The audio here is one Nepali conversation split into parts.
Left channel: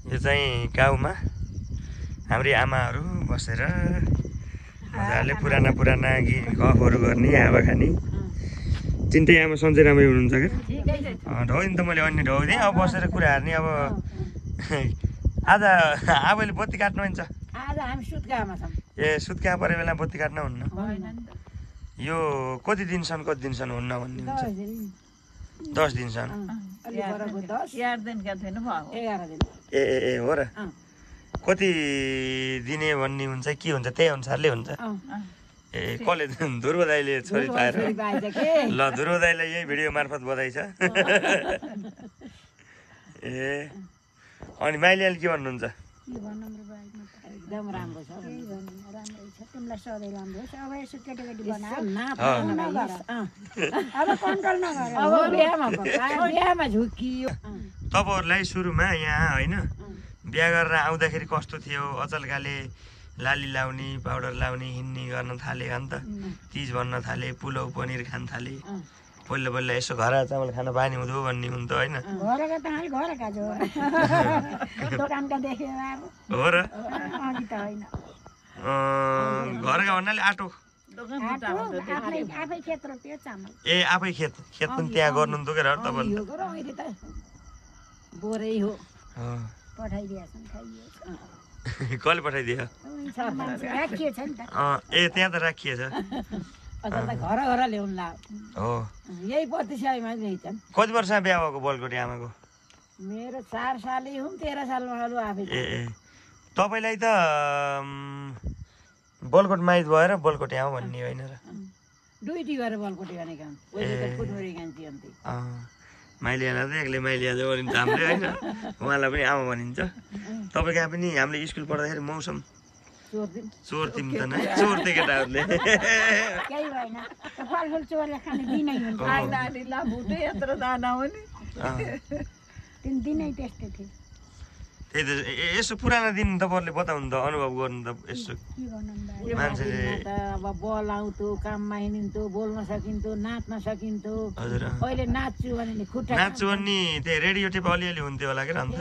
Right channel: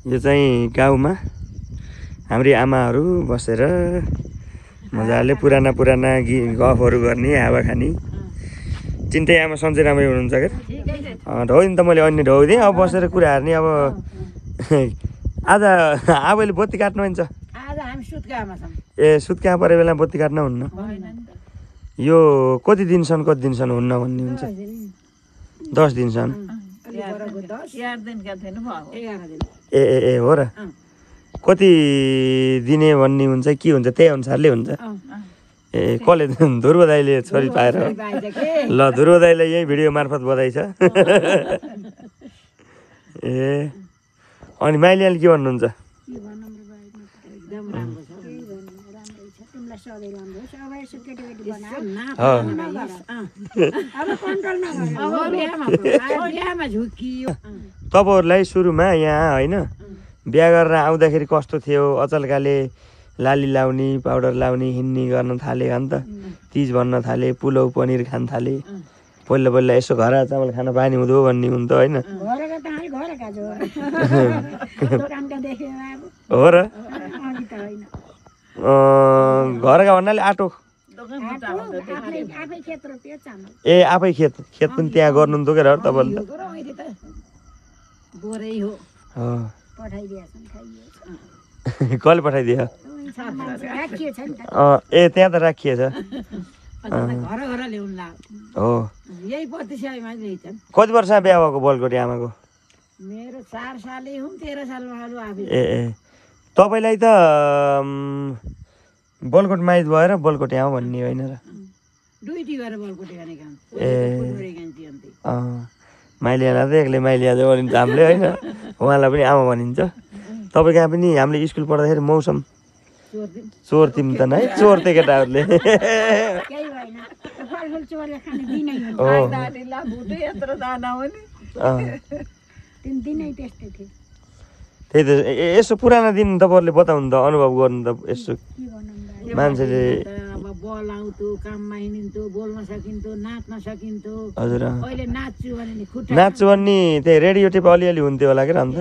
यो चाहिँ गाउँमा हाम्री आमाहरू बसेर मजाले पुराना गफहरू गर्ने, हावा खाने। चिन्ते आमा सन्चै राम्रै हुनुहुन्छ क्या? ढौदिन त मैले अन्य ढौदिएँ। अब बसेर कुरा हार्ने। अब आज आबैले बत्ती काट्नु हुन्छ? ए सुत्का परे बेला बत्ती काट्न हुन्न? यो कति दिनसम्म हुन्न भन्ने हुन्छ? 10 दिनसम्म। ए हो र? कति दिने भन्ने हुन्छ कि हुन्छ त्यही अनुसारले हुन्छ? ए कसले? ध्रुव दाइले छोरी पाएर। ल ध्रुव दाइलाई यही भिडियो मार्फत बधाई छ। ए अनि माइलीले के भन्नुहुन्छ? तपाईँहरूलाई सुरुमा यहाँ होइन बिहा गरेर आउँदाखेरि कस्तो थियो? अचल्काले लाली लाउने, पाउडर लाउने, हिँड्ने गर्न थाले हो नि त। तिज भन्न थाले, पुलाउ पनिर खान थाले। पहिला यसो घर चामल खान पानी हुँदो भन्ने हुन्थ्यो होइन? हो र? घरका भन्नाले आटो? ए आफै खेत पनि त्यहाँ गर्नुहुन्थ्यो क्या तपाईँले? कसले पठाइदियो? ए त्यहाँ त राखिएछ। हो कति वर्ष बिहा भएको बलकोटे आमाको? ए तपाईँलाई त बलकोट माइज भएर बलकोटे आऊ भन्ने होइन र? माइलियालाई त एक्लै माइलिया भनिन्छ हामीले होइन? उहाँलाई पनि आमा भनिन्छ। तपाईँ कहाँ पनि हामीले स्कुल पढ्दाखेरि मौसम चोर तिम त नै चोर त्यो केटाहरूले। त्यही त यसो पुराना दिन तपाईँहरूले बताउनु त, अनुभव गर्नु त यसो। मान्छेले बल आउँथ्यो, काममा हिँड्थ्यो, बोल्न सकिन्थ्यो, नाच्न सकिन्थ्यो। हजुर नाच्छु नाच्छु भन्ने त्यही रेडियो टेप अलिअलि हुन्थ्यो होला क्या अन्त?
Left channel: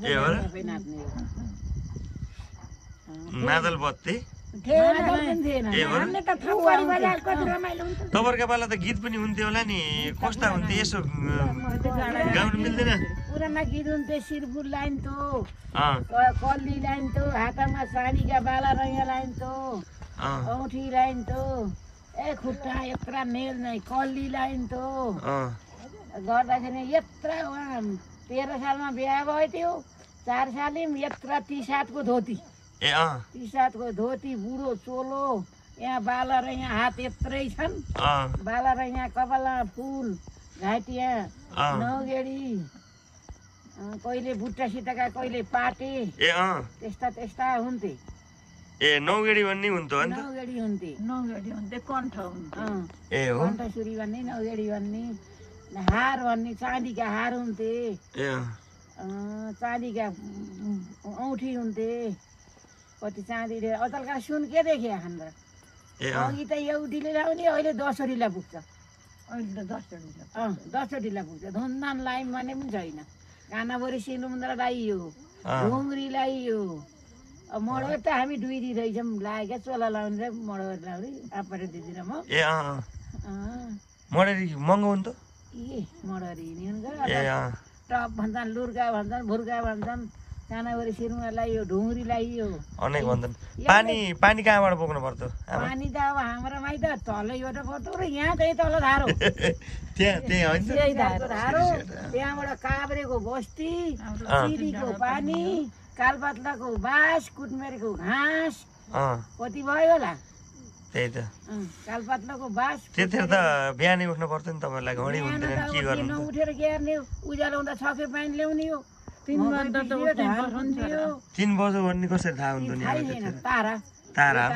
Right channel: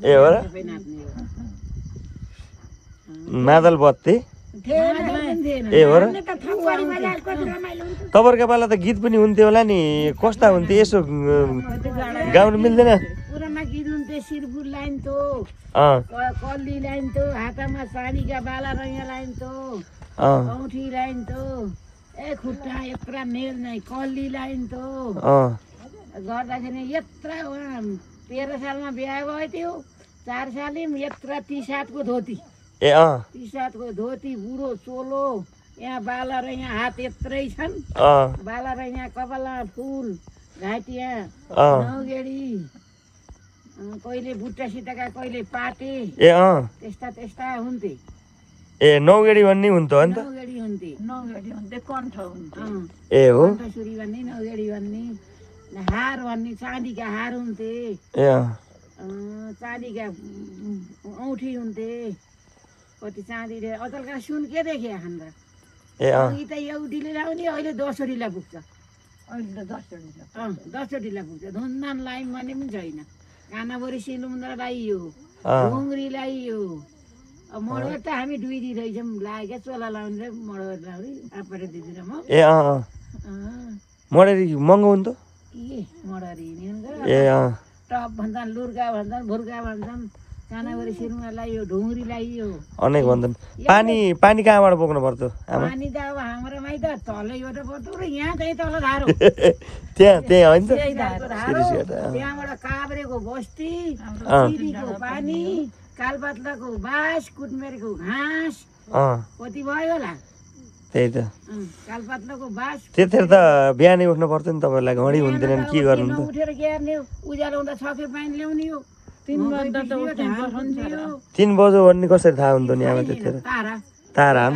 ए हो र? मादल बत्ती ए हो र? तपाईँहरूको पाला त गीत पनि हुन्थ्यो होला नि? कस्ता हुन्थ्यो यसो गाउनु मिल्दैन? गीत हुन्थ्यो, सिरफुल लाइन्थ्यो, कल्ली लाइन्थ्यो, हातमा साडीका बाला रैया लाइन्थ्यो, औठी लाइन्थ्यो, ए खुट्टा यत्रा नेल नै कल्ली लाइन्थ्यो। गर्दाखेरि यत्रा 13 सालमा बिहा भयो थियो। 4 सालमा यत्रा 30 को धोती, 30 को धोती, बुढो चोलो, यहाँ बाला र यहाँ हात यत्रै छन्। बाला र यहाँ कपालमा फुल, घाँटिया, नौगेडी, कहिले बुट्टा सिटाका, कहिले पाटे, त्यस्ता हुन्थे। ए नौगेडी भन्ने हुन्थ्यो अन्त? नौगेडी हुन्थे, कण्ठ हुन्थ्यो। ए हो कण्ठसुरी भन्ने, नौगेडी भन्ने। हार भन्ने, चाँदीका हार हुन्थे, चाँदीका औठी हुन्थे। कति चाँदीले अचलका सुन के देखे हाम्रो? अघि त एउटीले लाउने, अहिले 10 वटीलाई पुग्छ। अहिले त 10 वटीलाई पुग्छ। धुनधान लाइन भन्ने पनि छैन। कानाभरि सिलुन्द्रा लाइयो, ढुङ्ग्री लाइयो। मडवर त हामी 2 दिन रहेछौँ लागेका, चोला लाउने र मडवर लाउने आफूले दिदी र म। ए मडरी महँगो हुन्थ्यो? मडरी ए टप भन्छन्, लुर्गा भन्छन्, भुर्गा भन्छन्। कानाभरि सिलुन्द्रा लाइयो, ढुङ्ग्री लाइयो, अनेक भन्छन्। पानी कहाँबाट बोक्नु पर्थ्यो आमा? पानी त अब हाम्रोमा त तलैबाट पर्थ्यो र यहाँ चाहिँ तल धारो। त्यहाँ होइन त? त्यहाँबाट काभ्रेको बस्ती, सिरीको पानी, कालपात्लाको बाँस, कुटमेरको घाँस, कति भयो होला? त्यही त कालपात्लाको बाँस। त्यतिखेर त बिहानै उठ्नु पर्थ्यो नि तपाईँलाई? घडी हुन्थेन के गर्नु? उठेर ग्यार्ने, उज्यालो हुँदा छके पानी ल्याउने हो। 3 बज्यो भन्ने कसरी थाहा हुन्थ्यो नि आमा त्यतिखेर? तारा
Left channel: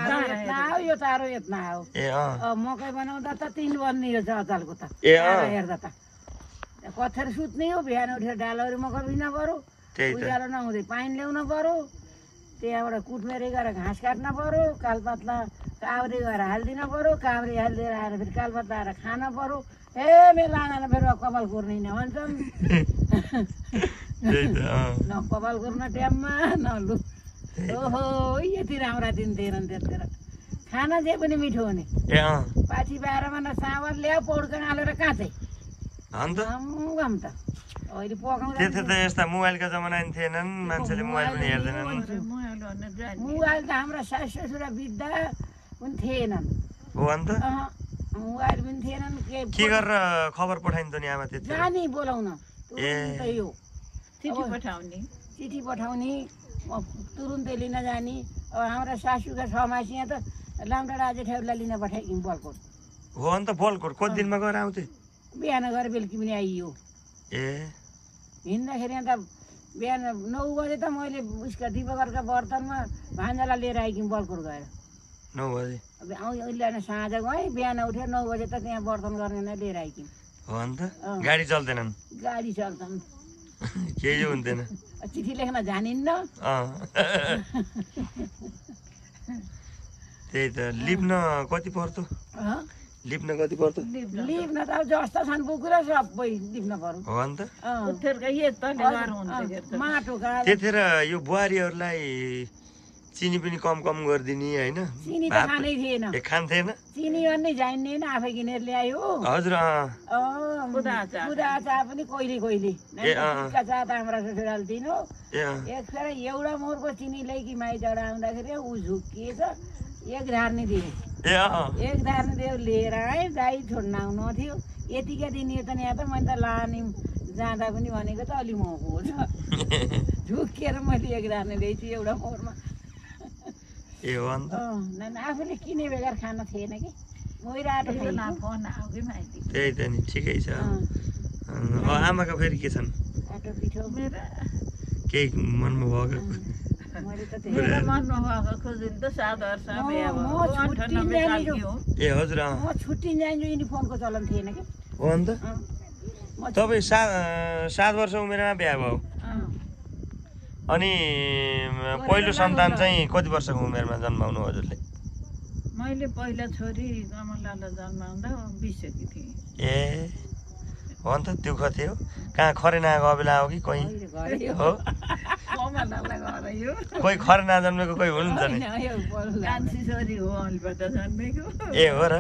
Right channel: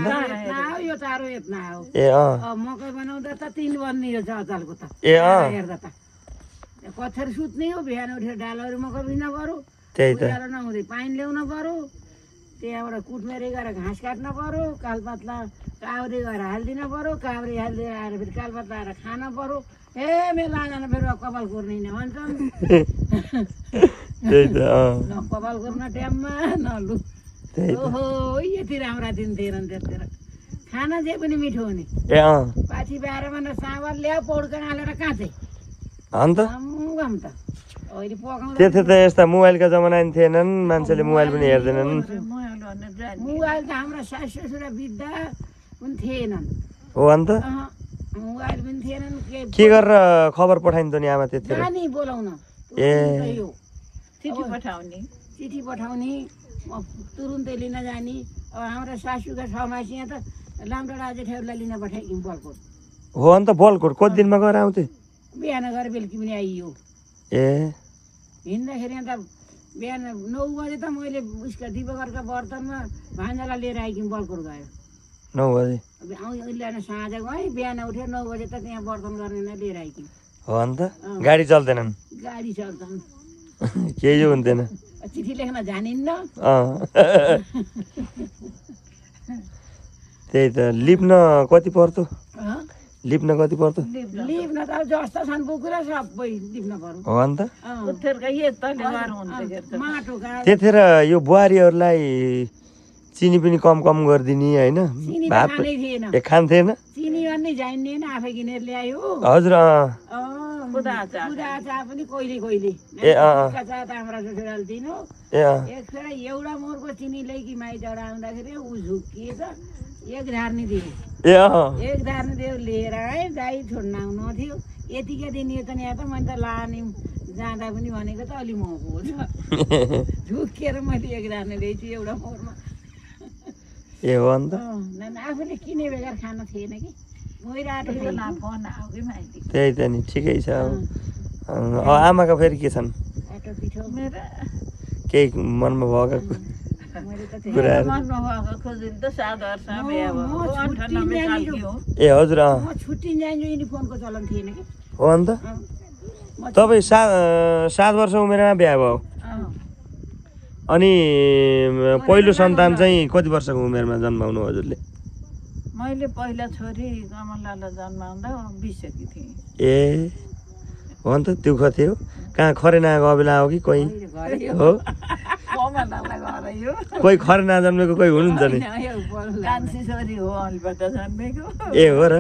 यो तारो यत्न आयो। ए मकै बनाउँदा त 3 बज्ने हो अचालको त। ए हेर्दा त कथेर सुत्ने हो। बिहान उठेर डालोहरू मकै बिन पर्यो, उज्यालो नहुँदै पानी ल्याउन पर्यो। त्यहाँबाट कुटमेरे गएर घाँस काट्न पर्यो, कालपात्ला काभ्रे गएर हालिदिन पर्यो, काभ्रे हालिदिएर आएर फेरि कालपात्ला आएर खान पर्यो। ए मेरो लाँदैन फेरि कपाल कुर्ने न भन्छन् त्यही त न कपाल कुर्न टाइममा न लु ओहो यति राम्रा दिन थिएनन् त्यतिखेर खाना जे पनि मिठो हुने ए पाछी बाह्रमा न चामल ल्यायो पौडका हालेर काँचै अन्त गम त अहिले पकाउँदा त्यति त यस्ता मोबाइलका जमाना नि थिएनन् मान्छेले मोबाइल पनि हेर्दैनन् मोबाइल त हाम्रा सास ससुरा बित्दा पनि थिएनन् हो अन्त मोबाइल पनि थिएनन् के गरेर खबर पठाइन्थ्यो नि आमा त्यतिखेर नानी बोलाउन ए चिठी पठाउने म तुरुन्तै लिन जाने अब हाम्रा सासूका समासिया त लामडाँडा जेठाउलाई लिन पठाइदिउँ बलकोट हो अन्त बलकोट कति दिनमा गएर आउँथे बिहान गएर बेलुकी पनि आइयो ए हिँड्दाखेरि अन्त बिहान 9 बजे त मैले उसका दिपकरका बर्तनमा भान्जालाई लिएर आइकिम बलकोट गएर 9 बजे अहिले साँझ गएँ बिहान उठ्यो 9 बजे त त्यहाँ बर्तन गर्ने लिएर आइकिम हो अन्त गाडी चल्दैनन् गाडी चल्छन् केही हुन्थेन चिठी लेख्न जानिन्न त्यही त लिप्न कति पर्छ लिप्न कति पर्छ लिप्न त जस्तो छन् बुकुरा सबै लिप्न पर्यो हो अन्त माटोका त्यतिखेर यो बुहारीहरूलाई चिनी पनि कम कम गरिदिने होइन भात खान्थेन चिनी अनि जान्दैन आफै किनेर ल्यायो हजुर खुदा चा पनि कहिले कहिले चा त हाम्रा ससुराले दिनु एकखेर एउटा मोरको चिनी ल्याइकी माइतबाट आउँदाखेरि ऊ झुक्किएछ एक धार्ने दियो एक धार्ने दियो लिएर आएँ गाई छोड्न आउनु थियो यतिका दिन यता त मैले त लाने जाँदा पनि भनेको त अलि महँगो छ झुक्किएर मैले एक धार्ने ल्याइछु एउटा मोरमा ए हो अन्त आफूले किने बेगर खान थिएन कि त्यही त नि ठिकै छ अब आमाका फेरि के छन् केही मनमा भएको कुराहरू ए हजुर छुट्टी जान्छु युनिफर्मको चलन थिएन कि हो अन्त तपाईँ 7 वर्ष उमेरमा बिहा भयो अनि पहिलो सन्तान चाहिँ कति वर्षको उमेरमा जन्माउनु हजुरले मैले पहिला छोरी कमलालाई जन्माउँदा 20 सकी थिएँ ए हो अन्त दुःख थियो कहाँ खरेना गएको बेला हो कि कोही हो कोही खरेना जन्मेको कोही हुनुहुन्छ नि ए हो र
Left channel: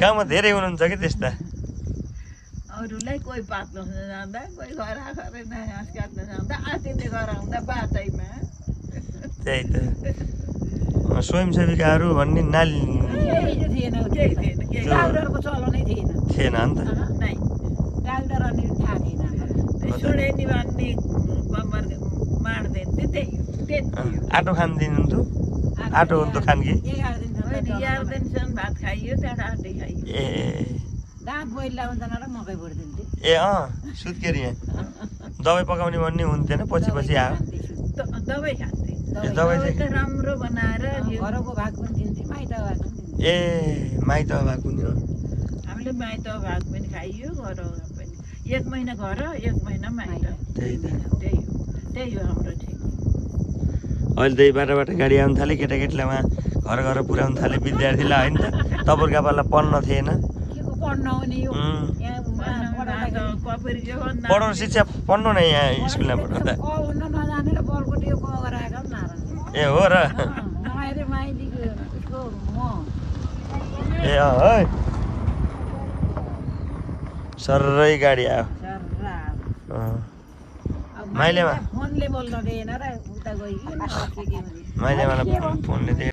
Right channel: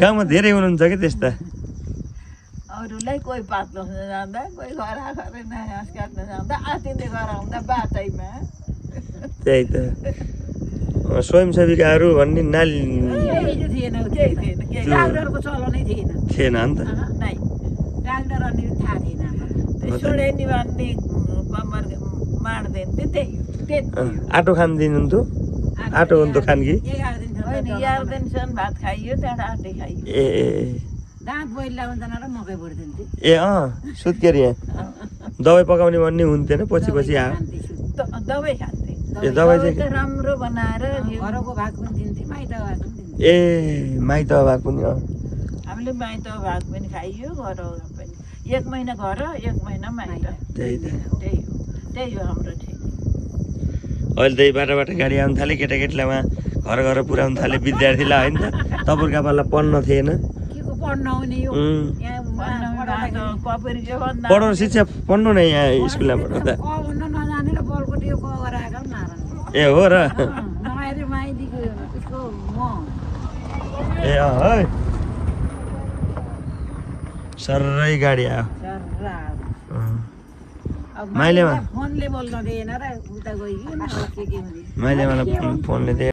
गाउँमा धेरै हुनुहुन्छ कि त्यस्ता अरूलाई कोही पात्लो जाँदा कोही घर घाँस काट्न जाँदा आतिले घर आउँदा बाटैमा त्यही त स्वयंसेविकाहरू भन्ने नाली डाक्टरको चलनै थिएन अन्त डाक्टर अनि थाहा थिएन छोडेनी भन्ने कम्बर मार्दैन आटो खान दिनुहुन्थ्यो आटो हुन्थ्यो खान कि 11 दिनसम्म भात खाइयो त्यहाँबाट आटै खाइयो ए दाँत पहिला हुँदैन र मकै भरिदिन्थ्यो ए सुत्केरी दबाई पकाउने भन्ने हुन्थेन पछि पछि आयो दबाई खान्थे ए दबाई चाहिँ राम्रो बनाएर घरको भाग पनि दिन्थ्यो माइत भाग ए माइत भाग पनि हामीले माइत भाग पनि खाइयो घर पनि 1 महिना घर 1 महिना माइत त्यही त त्यही हो हाम्रो ठिक अहिले त्यही बाटोबाट गाडी आउनु थाले केटाकेटीलाई उहाँ घर घर पुर्याउनु थाले विद्यार्थीलाई होइन तपाईँको पाला पढ्न थिएन पढाउनु शिक्षा पढ्नु न यहाँ स्कुलमा पढाउँदा ए हो र ए है सर्रै गाडी आयो माइलेमा मलाई फोनले